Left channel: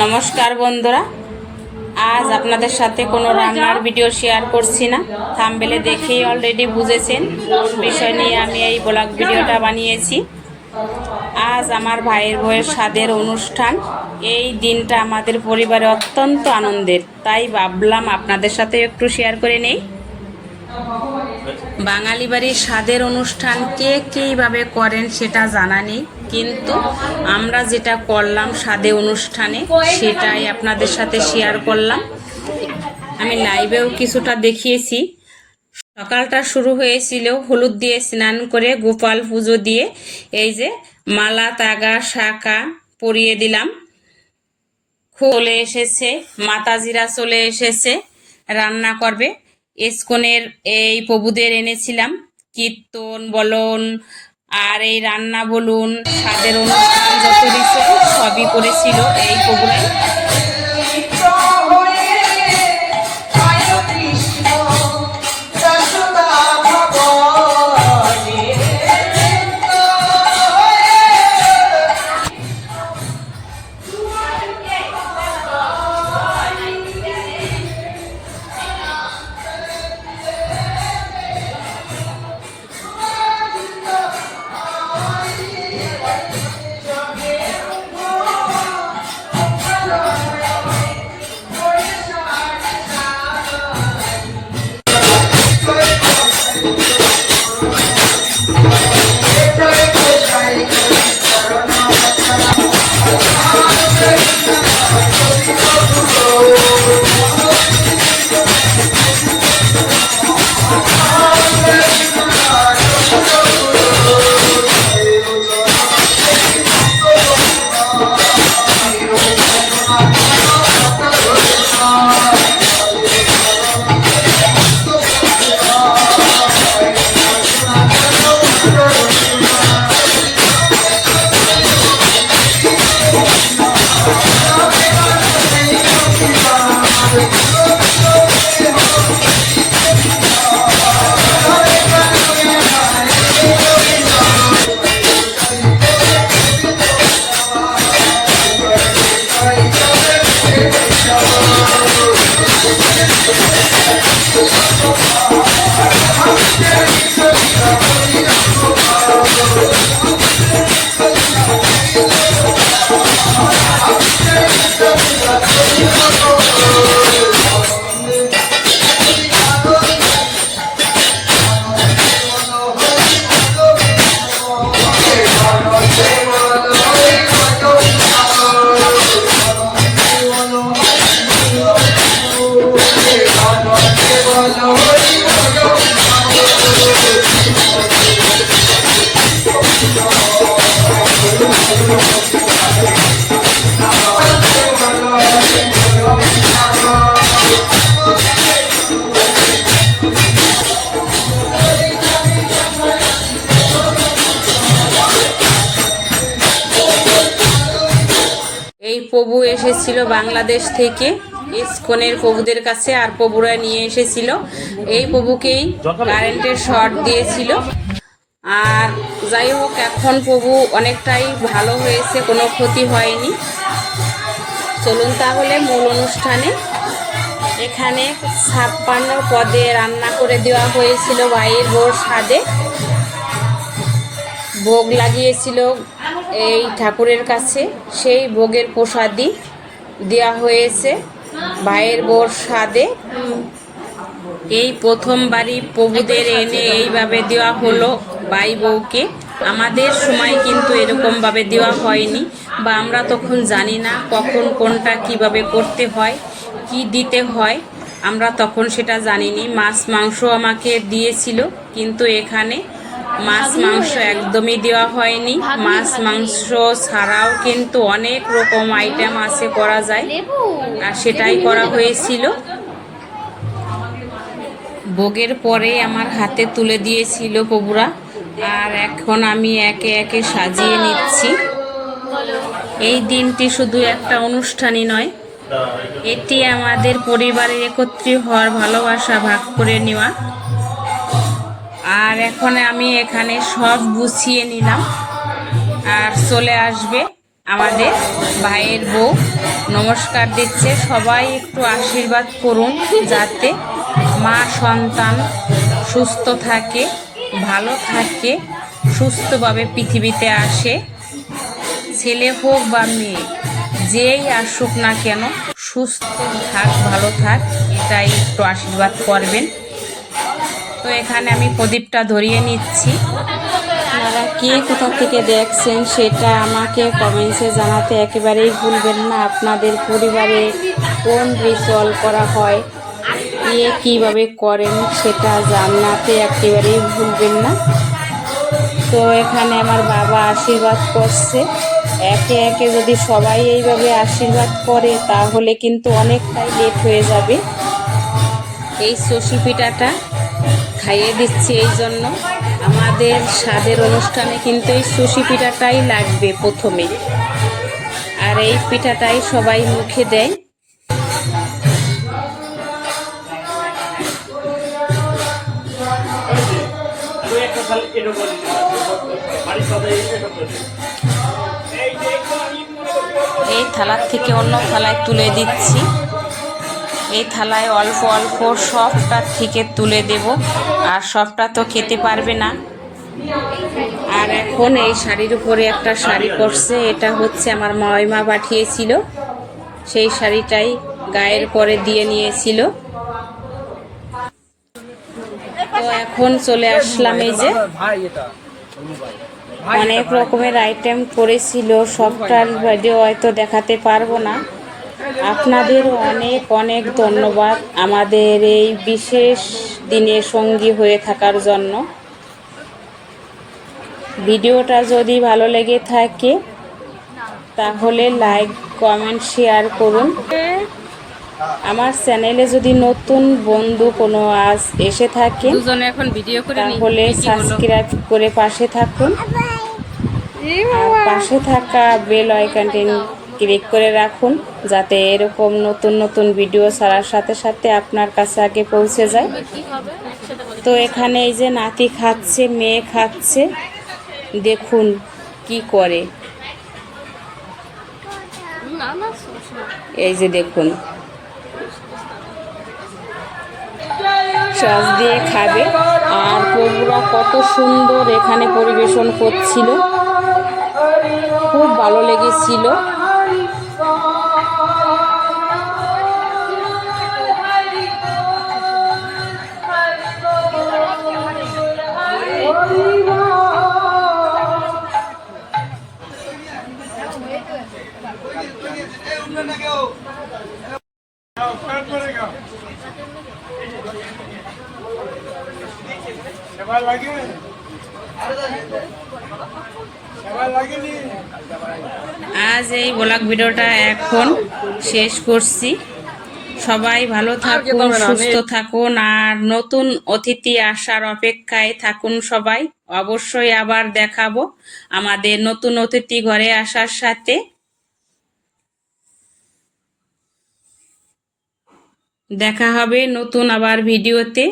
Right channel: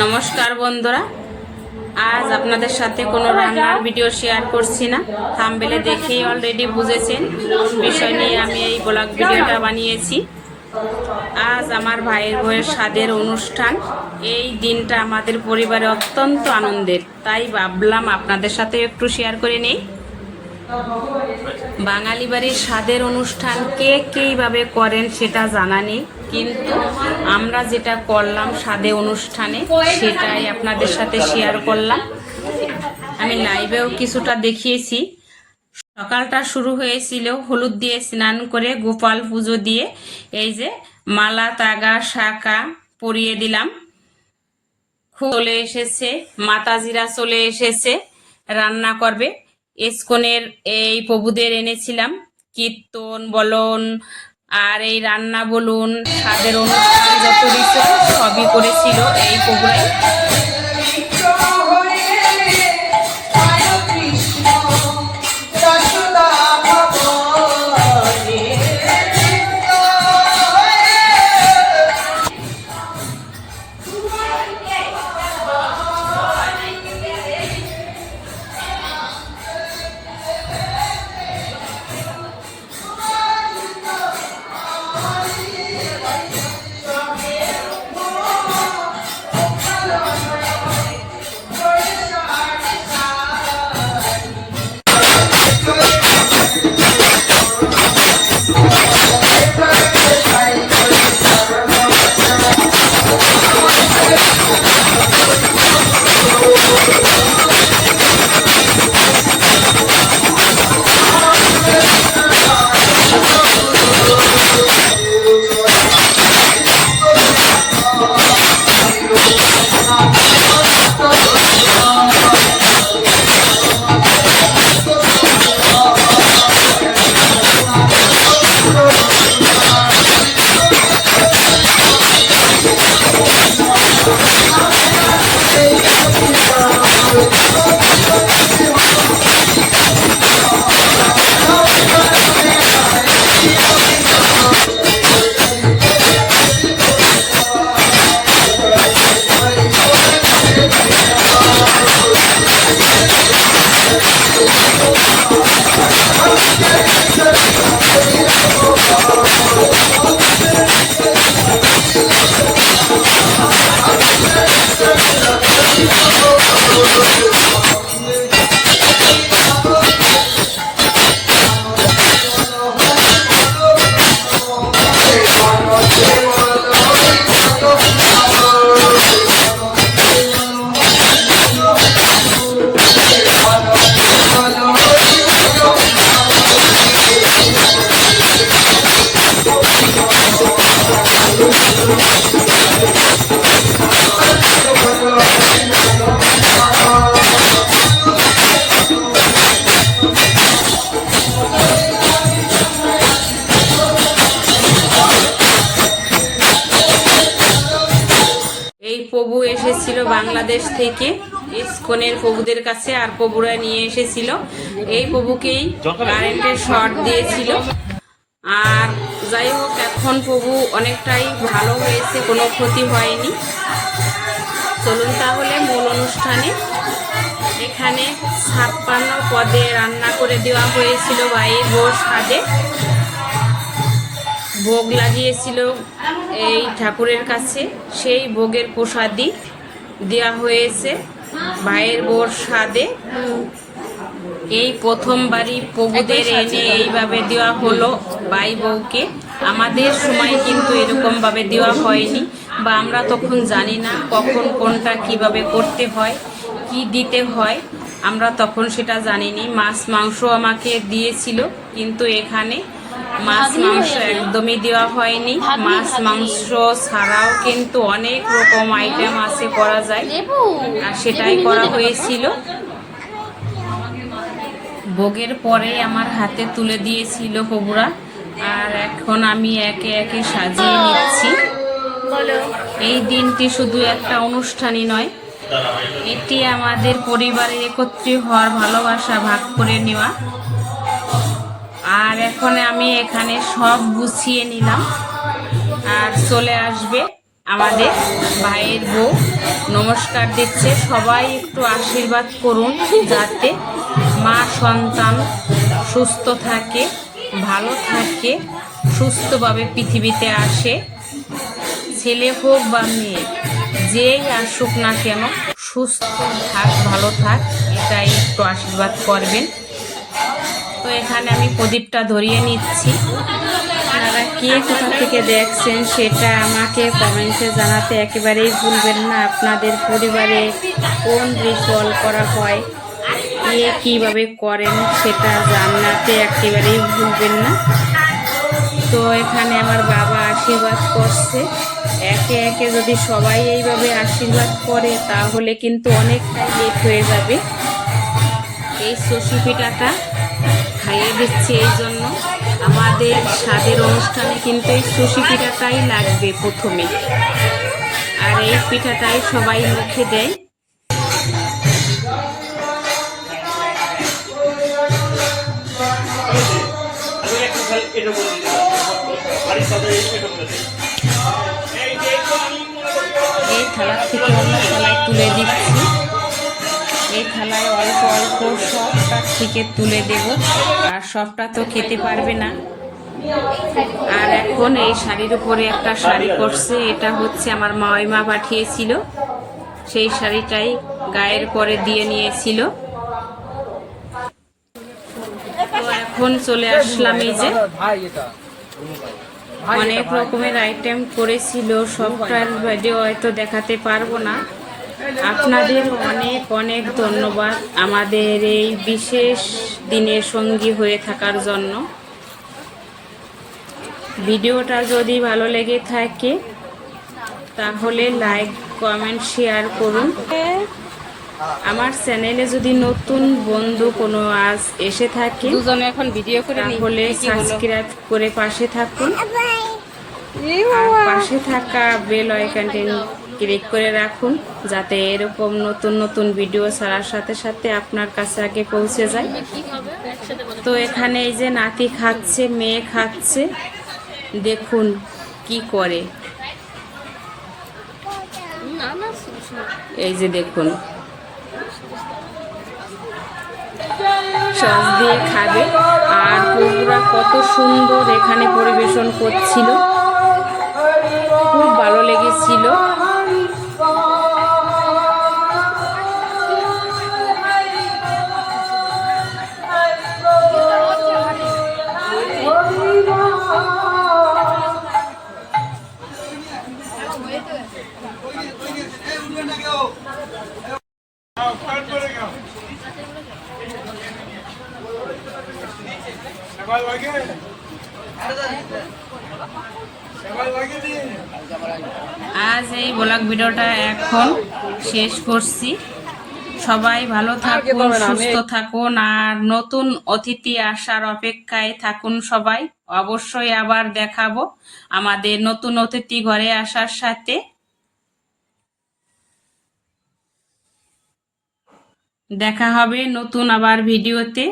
নমস্কার বন্ধুরা, আজ আপনাদের সাথে কোনো রান্নার ভিডিও শেয়ার করছি না। থাম্বনেলে দেখেই অলরেডি বুঝেছেন কোন বিষয় নিয়ে আমি এই ব্লগ ভিডিওটা বানিয়েছি। আজ আমার ভাইয়ের বউয়ের স্বাদের অনুষ্ঠান। এই দিনটা আমাদের পরিবারে অত্যন্ত আনন্দের, তাই ভাবলাম আপনাদের সাথে একটু শেয়ার করে নেই। বাঙালি বাড়ির স্বাদের অনুষ্ঠান কে কীভাবে করেন সেটা জানা নেই, কিন্তু আমরা যেটা করলাম স্বাদে অনুষ্ঠানে সেটাই আপনাদের সাথে শেয়ার করলাম। আমি লাইভেও কিছুটা দেখিয়েছি। সকালটা শুরু হয়েছিল হলুদ দিয়ে স্নান করে, গোপাল পুজো দিয়ে এই যে মালা তাগা শাঁখা পরিয়ে দিলাম। চলে এসেছে মাতাজিরা, চলে এসেছে রান্না করবে। ইস্কনের এই প্রভুদের এনেছিলাম, কীর্তন বলুন আর এই রান্না বলুন, স্বাদের অনুষ্ঠান যত রিচুয়াল সবই করেছিল এই প্রভুরাই। এই প্রভু এসেছিল বাংলাদেশ থেকে ইস্কনের প্রভুদের কাছে, আর প্রভুরা নিয়ে এসেছিল এই প্রভুকেই কারেন্টের শর্ট দিয়েছিল। আর যাই হোক, এখন প্রভু অনেকটাই ভালো হয়েছে, কোনো ক্ষতি হয়নি। চলুন তাহলে মূল অনুষ্ঠানে। এখানে 56 পদে রান্না করে দেওয়া হয়েছিল ভাইয়ের বউর স্বাদে। ভোগ লাগিয়েছিল এই ঠাকুরের কাছে, সেই ভোগের প্রসাদই দেওয়া হয়েছে ভাইয়ের বউর স্বাদে। এই প্রথমবারই প্রভুদের এনে এইভাবে দেওয়া হলো ভাই বউকে। আমাদের সময় কিন্তু এরকমভাবে দেওয়া হয়নি, বা আমরা তখন জানি না কখন কোনটা কিভাবে করতে হয়, কি দিতে হয়, আমরা তখন সেটা জানিনি। মাছ মাংস আমাকে দিয়েছিল, কিন্তু এখানে মাছ মাংস একদমই দেওয়া হয়নি। মাছ মাংস ছাড়াও কিন্তু অনেক রকম আইটেম আছে করা যায়, আর সেটাই করা হয়েছিল। ভোগের পরে আমার হাতে তুলে দিয়েছিল প্রভুরা, আর এখন আমি একে একে সাজিয়ে নিচ্ছি। এই দিনটি শুধু একটা অনুষ্ঠানই নয়, এটি আমাদের পরিবারের একত্রিত হওয়ার ভালোবাসা ভাগ করে নেওয়া। আর এখন আমি এখানে সব গুছিয়ে নিলাম, আর চলে আসবে আমাদের ভাইয়ের বউ নমস্কার দিচ্ছে। সবাই একটু আশীর্বাদ করুন যাতে মা সন্তান সুস্থ থাকে, ভালো থাকে, সুস্থভাবে পৃথিবীতে আসে। ছেলে হোক বা মেয়ে, যেই আসুক না কেন সুস্থ থাক, ভালো থাক, এটাই একটু আশীর্বাদ করবেন। তো এখানে আমি প্রদীপটা ধরিয়ে নিচ্ছি। আপনারা কে কোথা থেকে দেখছেন সেটা আমাকে কমেন্টসে জানাতে একেবারেই ভুলবেন না। আপনাদের পরিবারে কোন রিচুয়াল করা হয়, কে কীভাবে করেন সেটা জানাতে একেবারেই ভুলবেন না। তো এখানে আমার বাবা আশীর্বাদ করছে। একে একে যদি সবাই এইভাবে আশীর্বাদ করে তাহলে কিন্তু অনেকটাই লেট হয়ে যাবে। এই চষি পিঠাটা খাইয়ে দিচ্ছি এই জন্য। আমাদের স্বাদের অনুষ্ঠানে কিন্তু এই চষি পিঠাটাই লাগবে প্রথমে, আর এই পিঠাটাই সবাই মুখে দেয়। এই থালার থেকে অন্য থালায় তুলে দিচ্ছি। এই থালায় অল্প অল্প সবটা থেকে তুলে দেব, আর সবটা তো খেতে পারবে না। আর এখন এই শাড়ির উপরে একটা শাড়ি পরছে, এটা হচ্ছে আমার মাইমা পাঠিয়েছিল, সেই শাড়িটাই গায়ের পরে দিয়ে নিয়েছিল। তো এখন চলে আসলাম, এই যে অনেক রকমের আইটেম করেছিল, সবটার ভিডিও হয়তো দেখাতে পারবো না। আপনাদের অনেক অনেক ধন্যবাদ আমাদের এই বিশেষ দিনে সঙ্গী হয়ে থাকার জন্য। ভিডিওটা যদি ভালো লেগে থাকে তাহলে লাইক, কমেন্ট, শেয়ার করুন। আমার চ্যানেলে যদি নতুন বন্ধু কোনো আজ এসে থাকে এখন ভিডিও করে তাহলে সাবস্ক্রাইব করে পাশে থাকুন, আর পাশে থাকা বেল আইকনটি ক্লিক করে রাখুন যাতে এরকম নতুন নতুন ভিডিও ছাড়ার সাথে সাথে আপনার কাছে আগে পৌঁছে যায়। তো এখানে এই যে নাতি খাচ্ছে, মেয়ে খাচ্ছে, দেখুন কি করে। এই যে দেখুন সস দিয়ে খাবে, আর প্রভুরা কত সুন্দর এখানে পরিবেশন করছিল, খুব ভালো লেগেছিল। আজ এই ব্লগ ভিডিওটা এখন শেষ করছি। সবাই ভালো থাকুন, সুস্থ থাকুন, আর নতুন অতিথি আসার অপেক্ষায় থাকুন সবাই। অবশ্যই আবার দেখাবো আমাদের নতুন অতিথি ঘরে আসার সাথে। দেখা হবে নতুন আবার ভিডিওতে।